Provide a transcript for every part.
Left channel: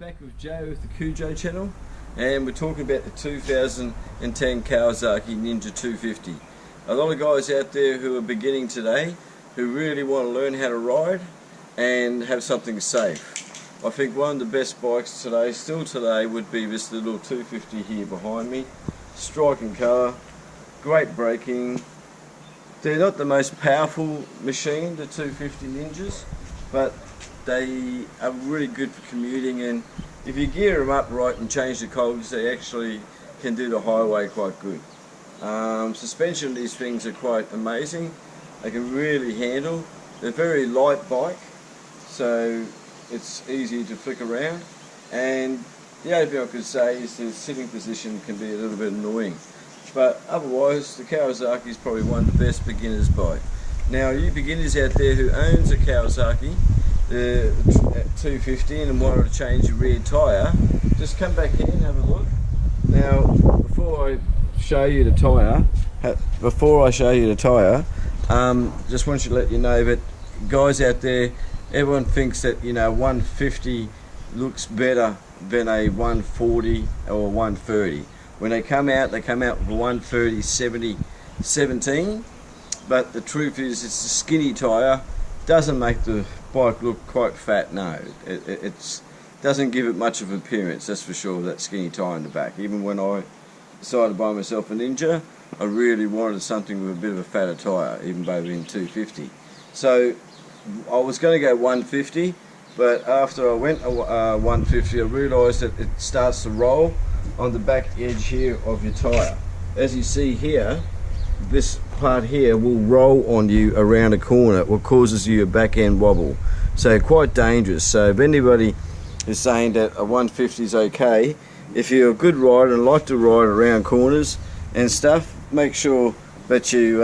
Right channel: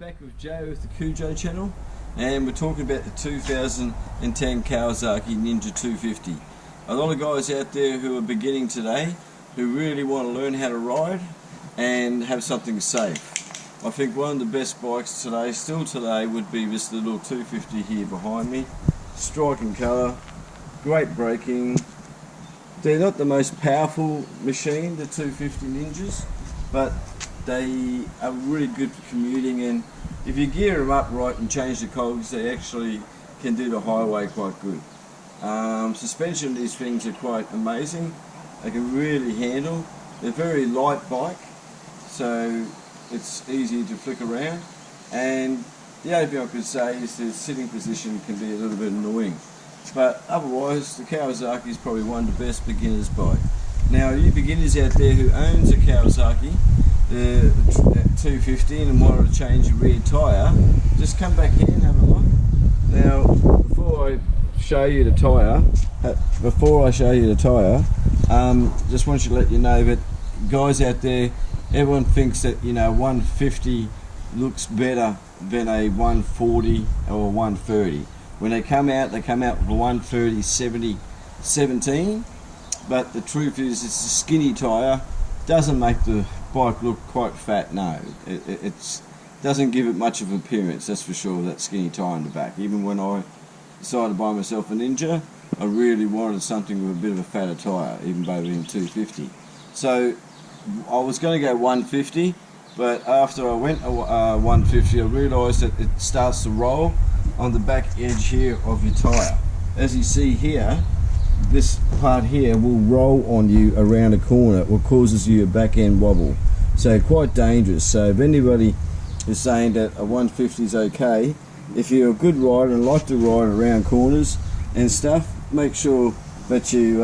Back with Joe with the Cojo channel, and we're talking about the 2010 Kawasaki Ninja 250. A lot of guys out there who are beginning today who really want to learn how to ride and have something safe. I think one of the best bikes today, still today, would be this little 250 here behind me. Striking colour, great braking. They're not the most powerful machine, the 250 Ninjas, but they are really good for commuting, and if you gear them up right and change the cogs, they actually can do the highway quite good. Suspension of these things are quite amazing. They can really handle. They're very light bike, so it's easy to flick around, and the only thing I could say is the sitting position can be a little bit annoying, but otherwise the Kawasaki is probably one of the best beginners bike. Now, you beginners out there who owns a Kawasaki 250 and wanted to change your rear tyre, just come back here and have a look. Now, before I show you the tyre, just want to let you know that guys out there, everyone thinks that 150 looks better than a 140 or 130. When they come out with a 130 70 17, but the truth is it's a skinny tyre. Doesn't make the bike look quite fat. No, it doesn't give it much of an appearance, that's for sure, that skinny tyre in the back. Even when I decided to buy myself a Ninja, I really wanted something with a bit of a fatter tyre, even though in 250. So I was going to go 150, but after I went 150, I realised that it starts to roll on the back edge here of your tyre. As you see here, this part here will roll on you around a corner, what causes you a back end wobble. So quite dangerous. So if anybody is saying that a 150 is okay, if you're a good rider and like to ride around corners and stuff, make sure that you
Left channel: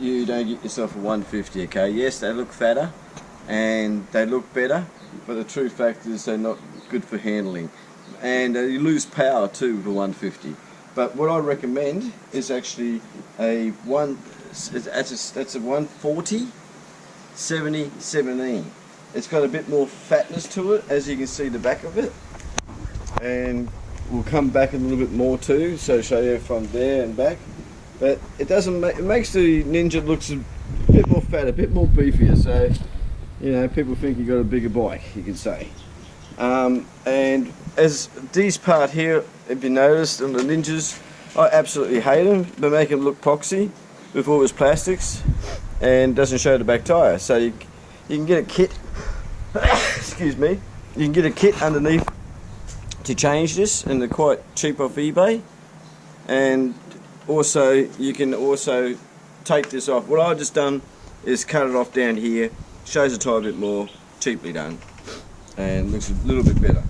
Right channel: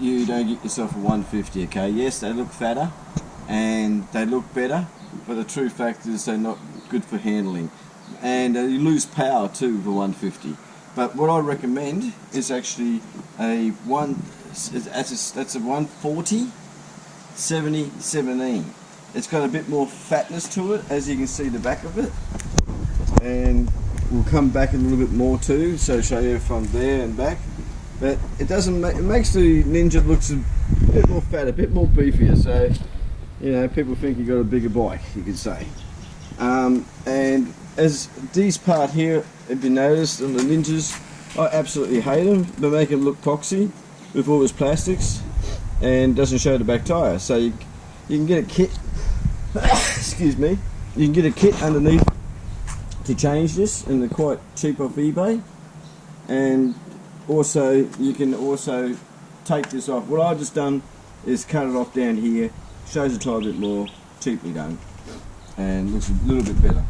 you don't get yourself a 150. Okay, yes, they look fatter and they look better, but the true fact is they're not good for handling, and you lose power too with a 150. But what I recommend is actually that's a 140 70 17. It's got a bit more fatness to it, as you can see the back of it, and we'll come back a little bit more too, so show you from there and back. But it doesn't it makes the Ninja looks a bit more fat, a bit more beefier, so people think you got a bigger bike, you could say. And as these part here, if you noticed on the Ninjas, I absolutely hate them. They make them look poxy with all this plastics and doesn't show the back tyre. So you can get a kit, excuse me, you can get a kit underneath to change this, and they're quite cheap off eBay. And also you can also take this off. What I've just done is cut it off down here, shows the tyre a bit more, cheaply done, and looks a little bit better.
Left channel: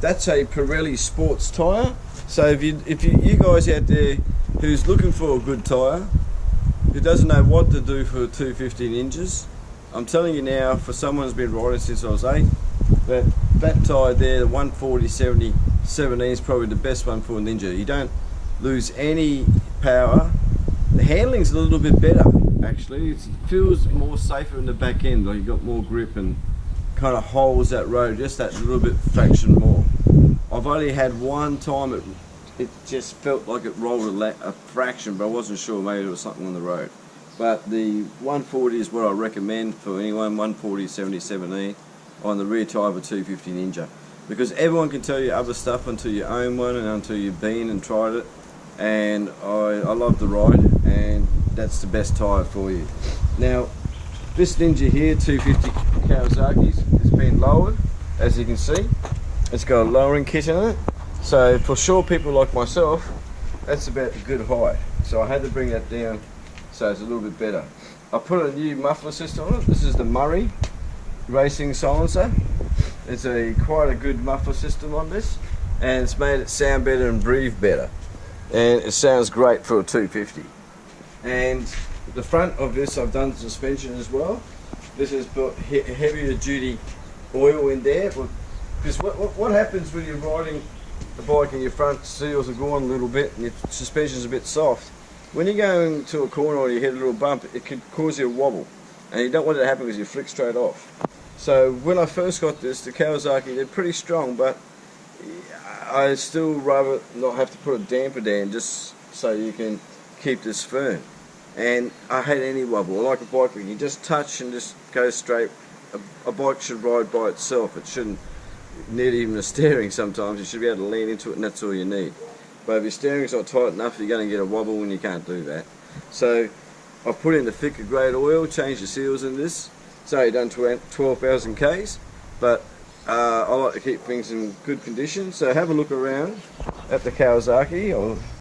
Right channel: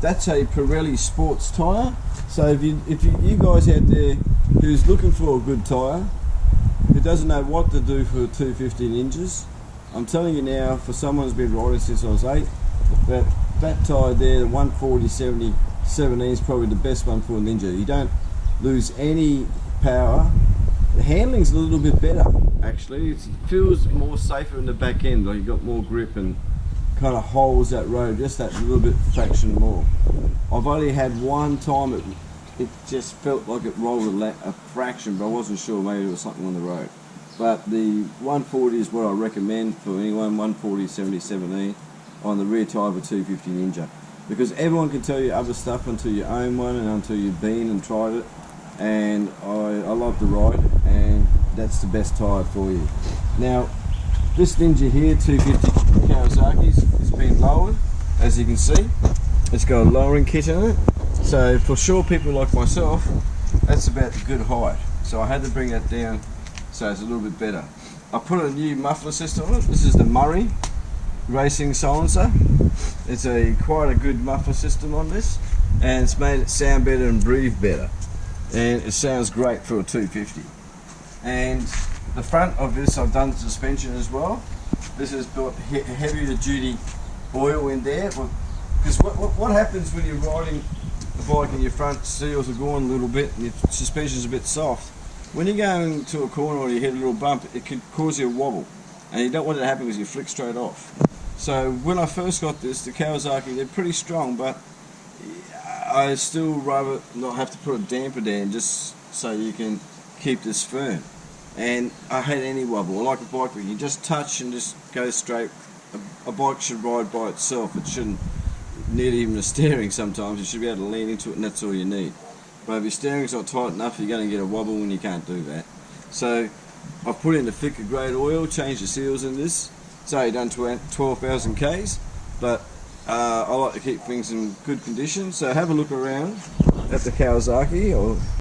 That's a Pirelli sports tyre. So if you guys out there who's looking for a good tyre, who doesn't know what to do for 250 Ninjas, I'm telling you now, for someone who's been riding since I was 8, that tyre there, the 140 70 17, is probably the best one for a Ninja. You don't lose any power. The handling's a little bit better actually. It feels more safer in the back end, like you got more grip and kind of holds that road just that little bit fraction more. I've only had one time it just felt like it rolled a fraction, but I wasn't sure, maybe it was something on the road. But the 140 is what I recommend for anyone, 140 70 17 on the rear tyre of a 250 Ninja, because everyone can tell you other stuff until you own one and until you've been and tried it, and I love the ride, and that's the best tyre for you. Now, this Ninja here, 250 Kawasaki's, has been lowered, as you can see. It's got a lowering kit in it, so for sure people like myself, that's about a good height. So I had to bring that down so it's a little bit better. I put a new muffler system on it. This is the Murray racing silencer. It's quite a good muffler system on this, and it's made it sound better and breathe better, and it sounds great for a 250. And the front of this, I've done suspension as well. This has got heavier duty oil in there, because what happens when you're riding a bike and your front seals are going a little bit and your suspension's a bit soft? When you're going to a corner or you hit a little bump, it can cause you a wobble, and you don't want it to happen because you flick straight off. So when I first got this, the Kawasaki, they're pretty strong, but I still rather not have to put a damper down just so you can keep this firm. And I hate any wobble. I like a bike where you can just touch and just go straight. A bike should ride by itself. It shouldn't need even a steering sometimes. You should be able to lean into it and that's all you need. But if your steering's not tight enough, you're going to get a wobble and you can't do that. So I've put in the thicker grade oil, changed the seals in this. It's only done 12,000 Ks, but I like to keep things in good condition. So have a look around at the Kawasaki, or